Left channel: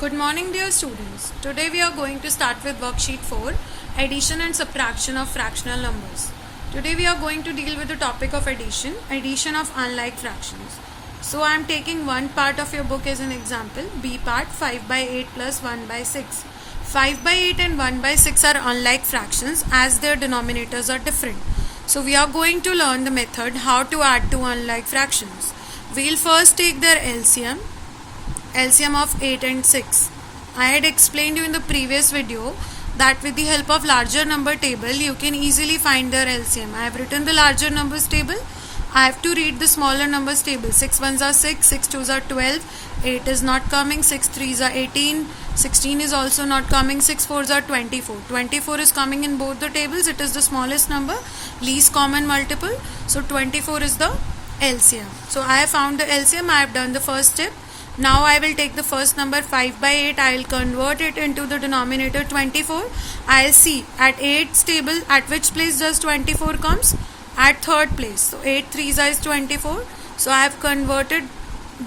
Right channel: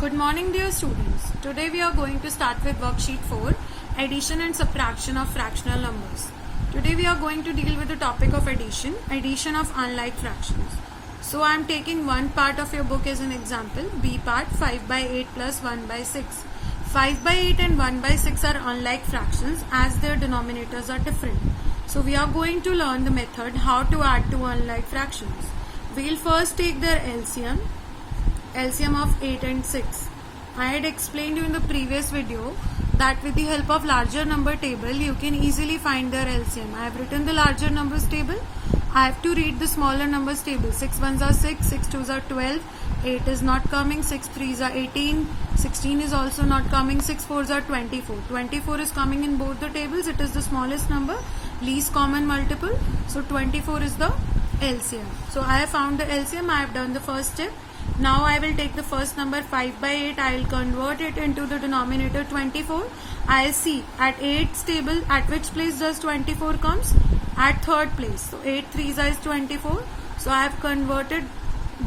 Good morning, dear students. Today we are going to start with worksheet 4, addition and subtraction of fractional numbers. Today we are going to deal with the topic of addition of unlike fractions. So I am taking one part of your book as an example, B part 5 by 8 plus 1 by 6. 5 by 8 and 1 by 6 are unlike fractions as their denominators are different. So we are going to learn the method how to add two unlike fractions. We'll first take their LCM of 8 and 6. I had explained you in the previous video that with the help of larger number table you can easily find their LCM. I have written the larger numbers table. I have to read the smaller numbers table. 6 ones are 6, 6 twos are 12, 8 is not coming, 6 threes are 18, 16 is also not coming, 6 fours are 24. 24 is coming in both the tables. It is the smallest number, least common multiple. So 24 is the LCM. So I have found the LCM. I have done the first step. Now I will take the first number 5 by 8. I will convert it into the denominator 24. I will see at 8's table at which place does 24 comes? At third place. So 8 threes is 24. So I have converted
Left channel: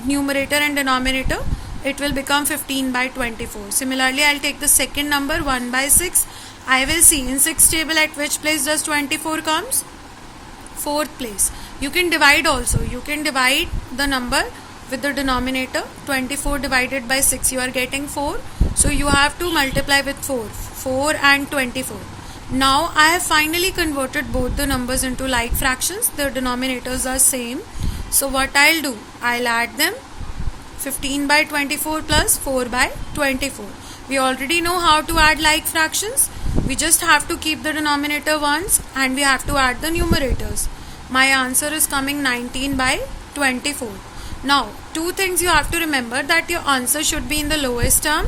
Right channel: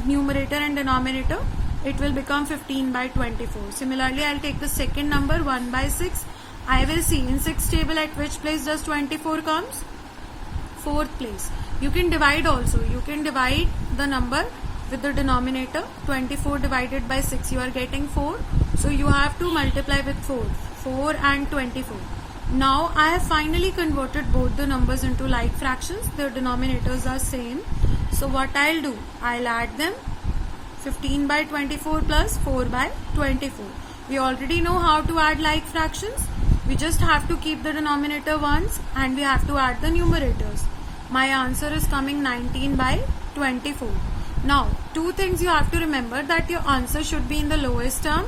numerator and denominator. It will become 15 by 24. Similarly, I will take the second number 1 by 6. I will see in 6's table at which place does 24 comes? Fourth place. You can divide also. You can divide the number with the denominator. 24 divided by 6, you are getting 4. So you have to multiply with 4 and 24. Now I have finally converted both the numbers into like fractions. Their denominators are same. So what I'll do, I'll add them. 15 by 24 plus 4 by 24. We already know how to add like fractions. We just have to keep the denominator once and we have to add the numerators. My answer is coming 19 by 24. Now, two things you have to remember, that your answer should be in the lowest term.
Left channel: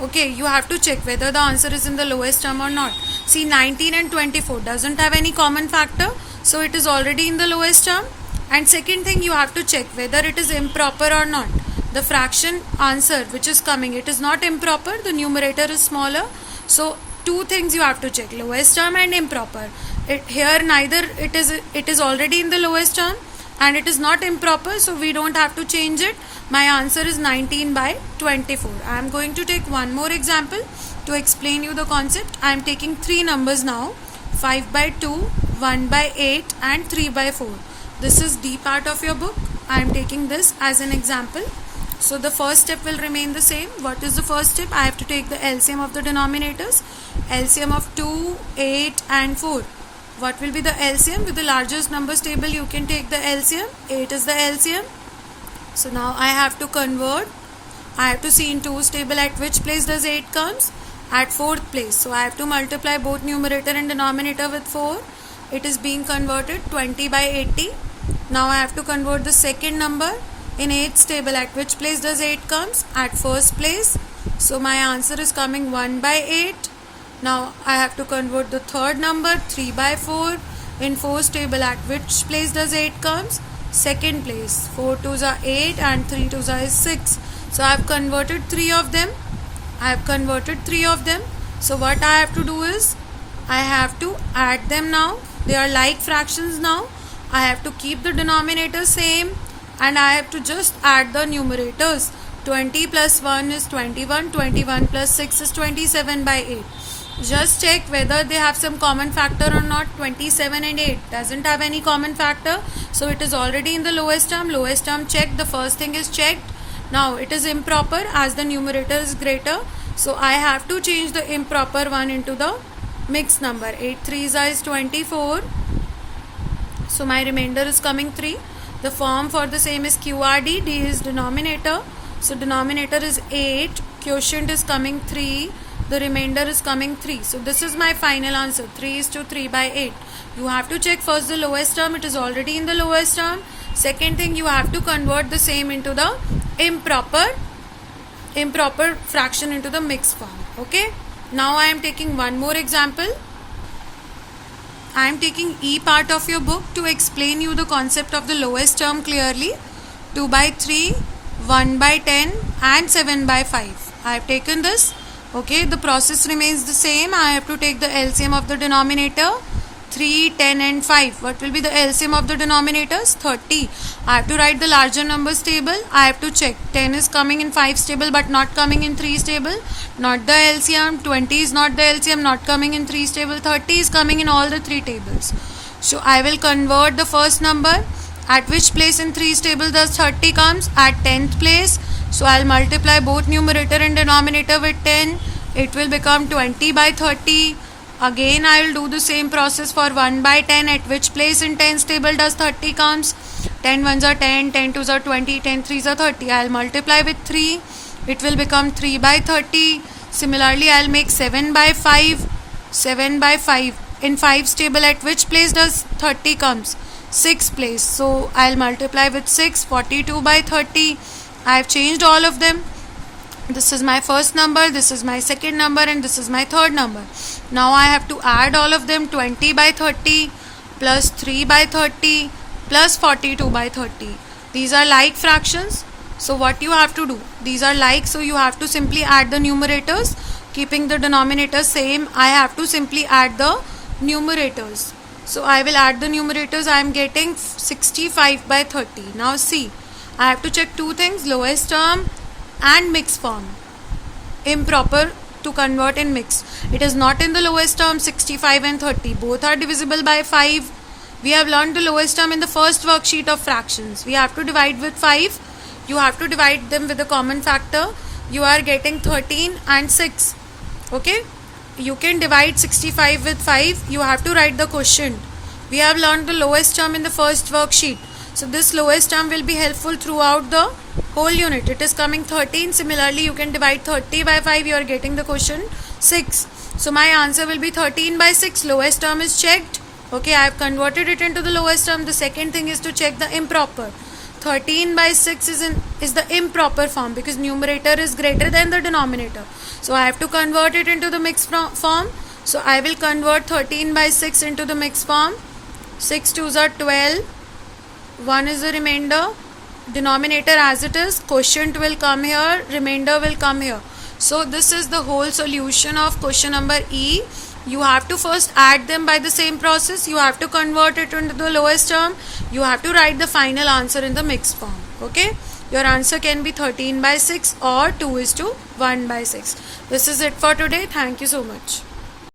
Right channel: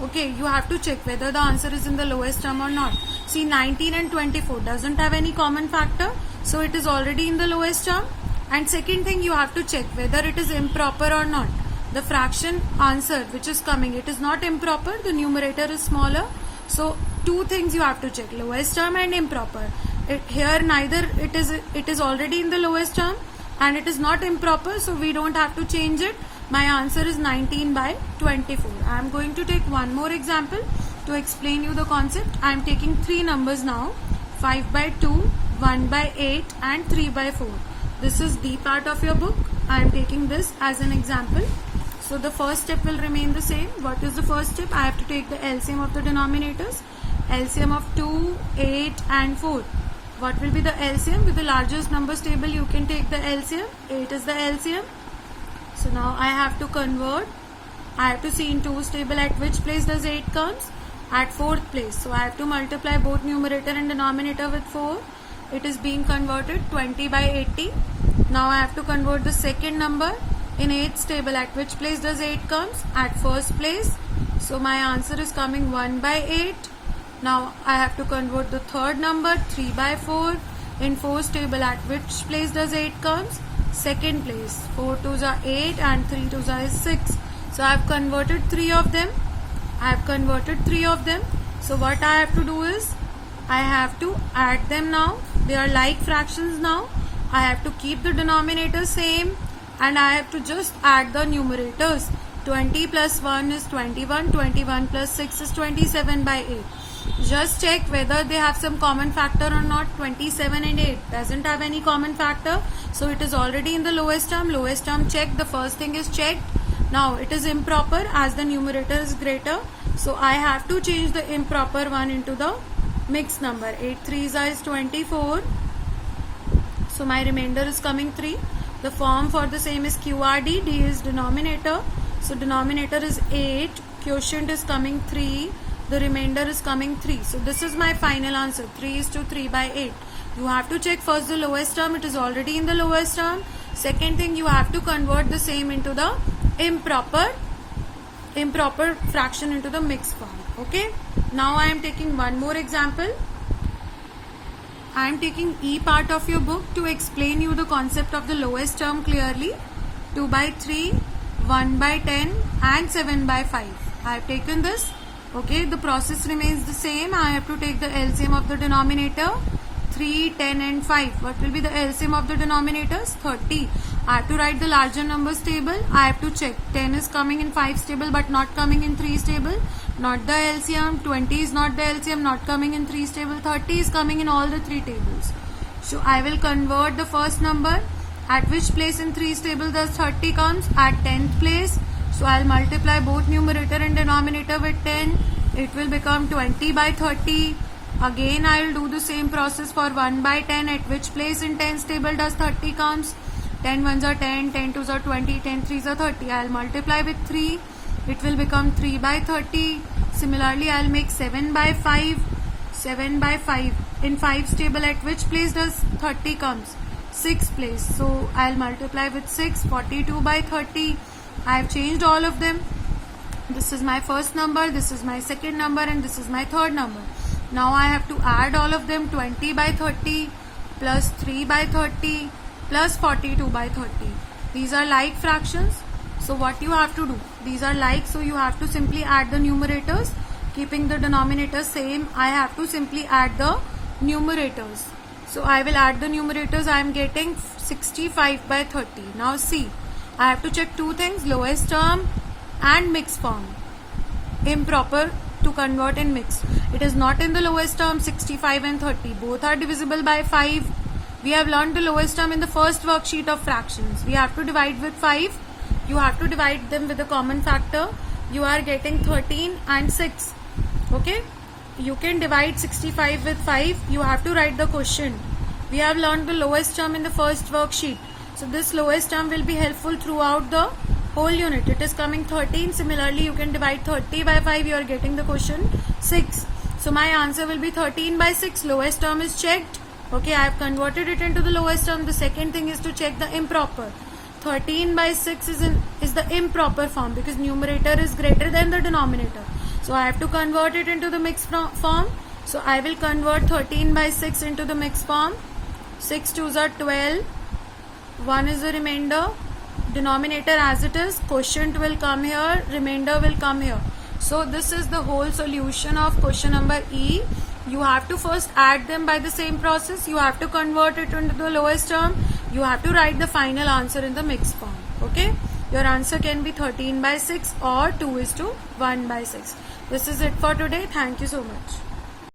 Okay, you have to check whether the answer is in the lowest term or not. See, 19 and 24 doesn't have any common factor, so it is already in the lowest term. And second thing, you have to check whether it is improper or not. The fraction answer which is coming, it is not improper, the numerator is smaller. So, two things you have to check, lowest term and improper. Here neither it is already in the lowest term and it is not improper, so we don't have to change it. My answer is 19 by 24. I am going to take one more example to explain you the concept. I am taking three numbers now, 5 by 2, 1 by 8 and 3 by 4. This is D part of your book. I am taking this as an example. So the first step will remain the same. What is the first step? I have to take the LCM of the denominators. LCM of 2, 8 and 4. What will be the LCM? With the largest numbers table you can take the LCM. 8 is the LCM. So now I have to convert. I have to see in 2's table at which place does 8 comes? At fourth place. So I have to multiply both numerator and denominator with 4. It is being converted 20 by 80. Now I have to convert the second number. In 8's table at which place does 8 comes? At first place. So my answer is coming 1 by 8. Now I have to convert the third number 3 by 4. In 4's table at which place does 8 comes? Second place. 4 twos are 8 and 3 twos are 6. So I have converted 3 of them. So what I have to do is I have to add them now. They are like fractions now. I have to keep the denominator same and I have to just add the numerators. 20 plus 1 is 21. 21 plus 6 is 27 by 8. Just check whether they have some common factor or not. 27 and 8 doesn't have any common factor. So it is already in the lowest term. Lowest term checked. The first thing is checked. Now it is improper as the numerator is greater. So I have to change the improper one into the mixed number. 8 threes is 24. So my remainder is coming 3. The form for the same is QRD. D is denominator. So denominator is 8. Quotient is coming 3. The remainder is coming 3. So this is my final answer. 3 is to 3 by 8. You have to check first the lowest term. It is already in the lowest term. Second thing, you have to convert the same into the improper fraction into the mixed form. Okay. Now I am taking one more example. I am taking E part of your book to explain you the concept of the lowest term clearly. 2 by 3, 1 by 10 and 7 by 5. I have taken this. Okay, the process remains the same. I have to take the LCM of the denominator. 3, 10 and 5. What will be the LCM of the denominators? 30. I have to write the larger numbers table. I have to check. 10 is coming in 5's table but not coming in 3's table. Not the LCM. 20 is not the LCM, not coming in 3's table. 30 is coming in all the 3 tables. So I will convert the first number. At which place in 3's table does 30 comes? At 10th place. So I'll multiply both numerator and denominator with 10. It will become 20 by 30. Again I will do the same process for 1 by 10. At which place in 10's table does 30 comes? 10 ones are 10, 10 twos are 20, 10 threes are 30. I'll multiply with 3. It will become 3 by 30. Similarly I'll make 7 by 5. 7 by 5. In 5's table at which place does 30 comes? 6th place. So I'll multiply with 6. 42 by 30. I have changed all of them. This is my first number, this is my second number and this is my third number. Now I have to add all of them. 20 by 30 plus 3 by 30 plus 42 by 30. These are like fractions. So what you have to do? These are like, so you have to simply add the numerators. Keeping the denominator same, I have to simply add the numerators. So I will add the numerators. I am getting 65 by 30. Now see, I have to check two things, lowest term and mixed form. Improper to convert in mixed. It is not in the lowest term. 65 and 30 both are divisible by 5. We have learned the lowest term in the first worksheet of fractions. We have to divide with 5. You have to divide them with a common factor. You are getting 13 and 6. Okay, you can divide 65 with 5. You have to write the question. We have learned the lowest term in the first worksheet. So this lowest term will be helpful throughout the whole unit. It is coming 13. Similarly, you can divide 30 by 5. You are getting the question 6. So my answer will be 13 by 6. Lowest term is checked. Okay, I have converted it into the lowest term. The second thing is to check the improper. 13 by 6 is the improper form because numerator is greater than the denominator. So I have to convert it into the mixed form. So I will convert 13 by 6 into the mixed form. 6 twos are 12. 1 is the remainder. Denominator as it is. Quotient will come here. Remainder will come here. So this is the whole solution of question number E. You have to first add them by the same process. You have to convert it into the lowest term. You have to write the final answer in the mixed form. Okay. Your answer can be 13 by 6 or 2:1 by 6. This is it for today. Thank you so much.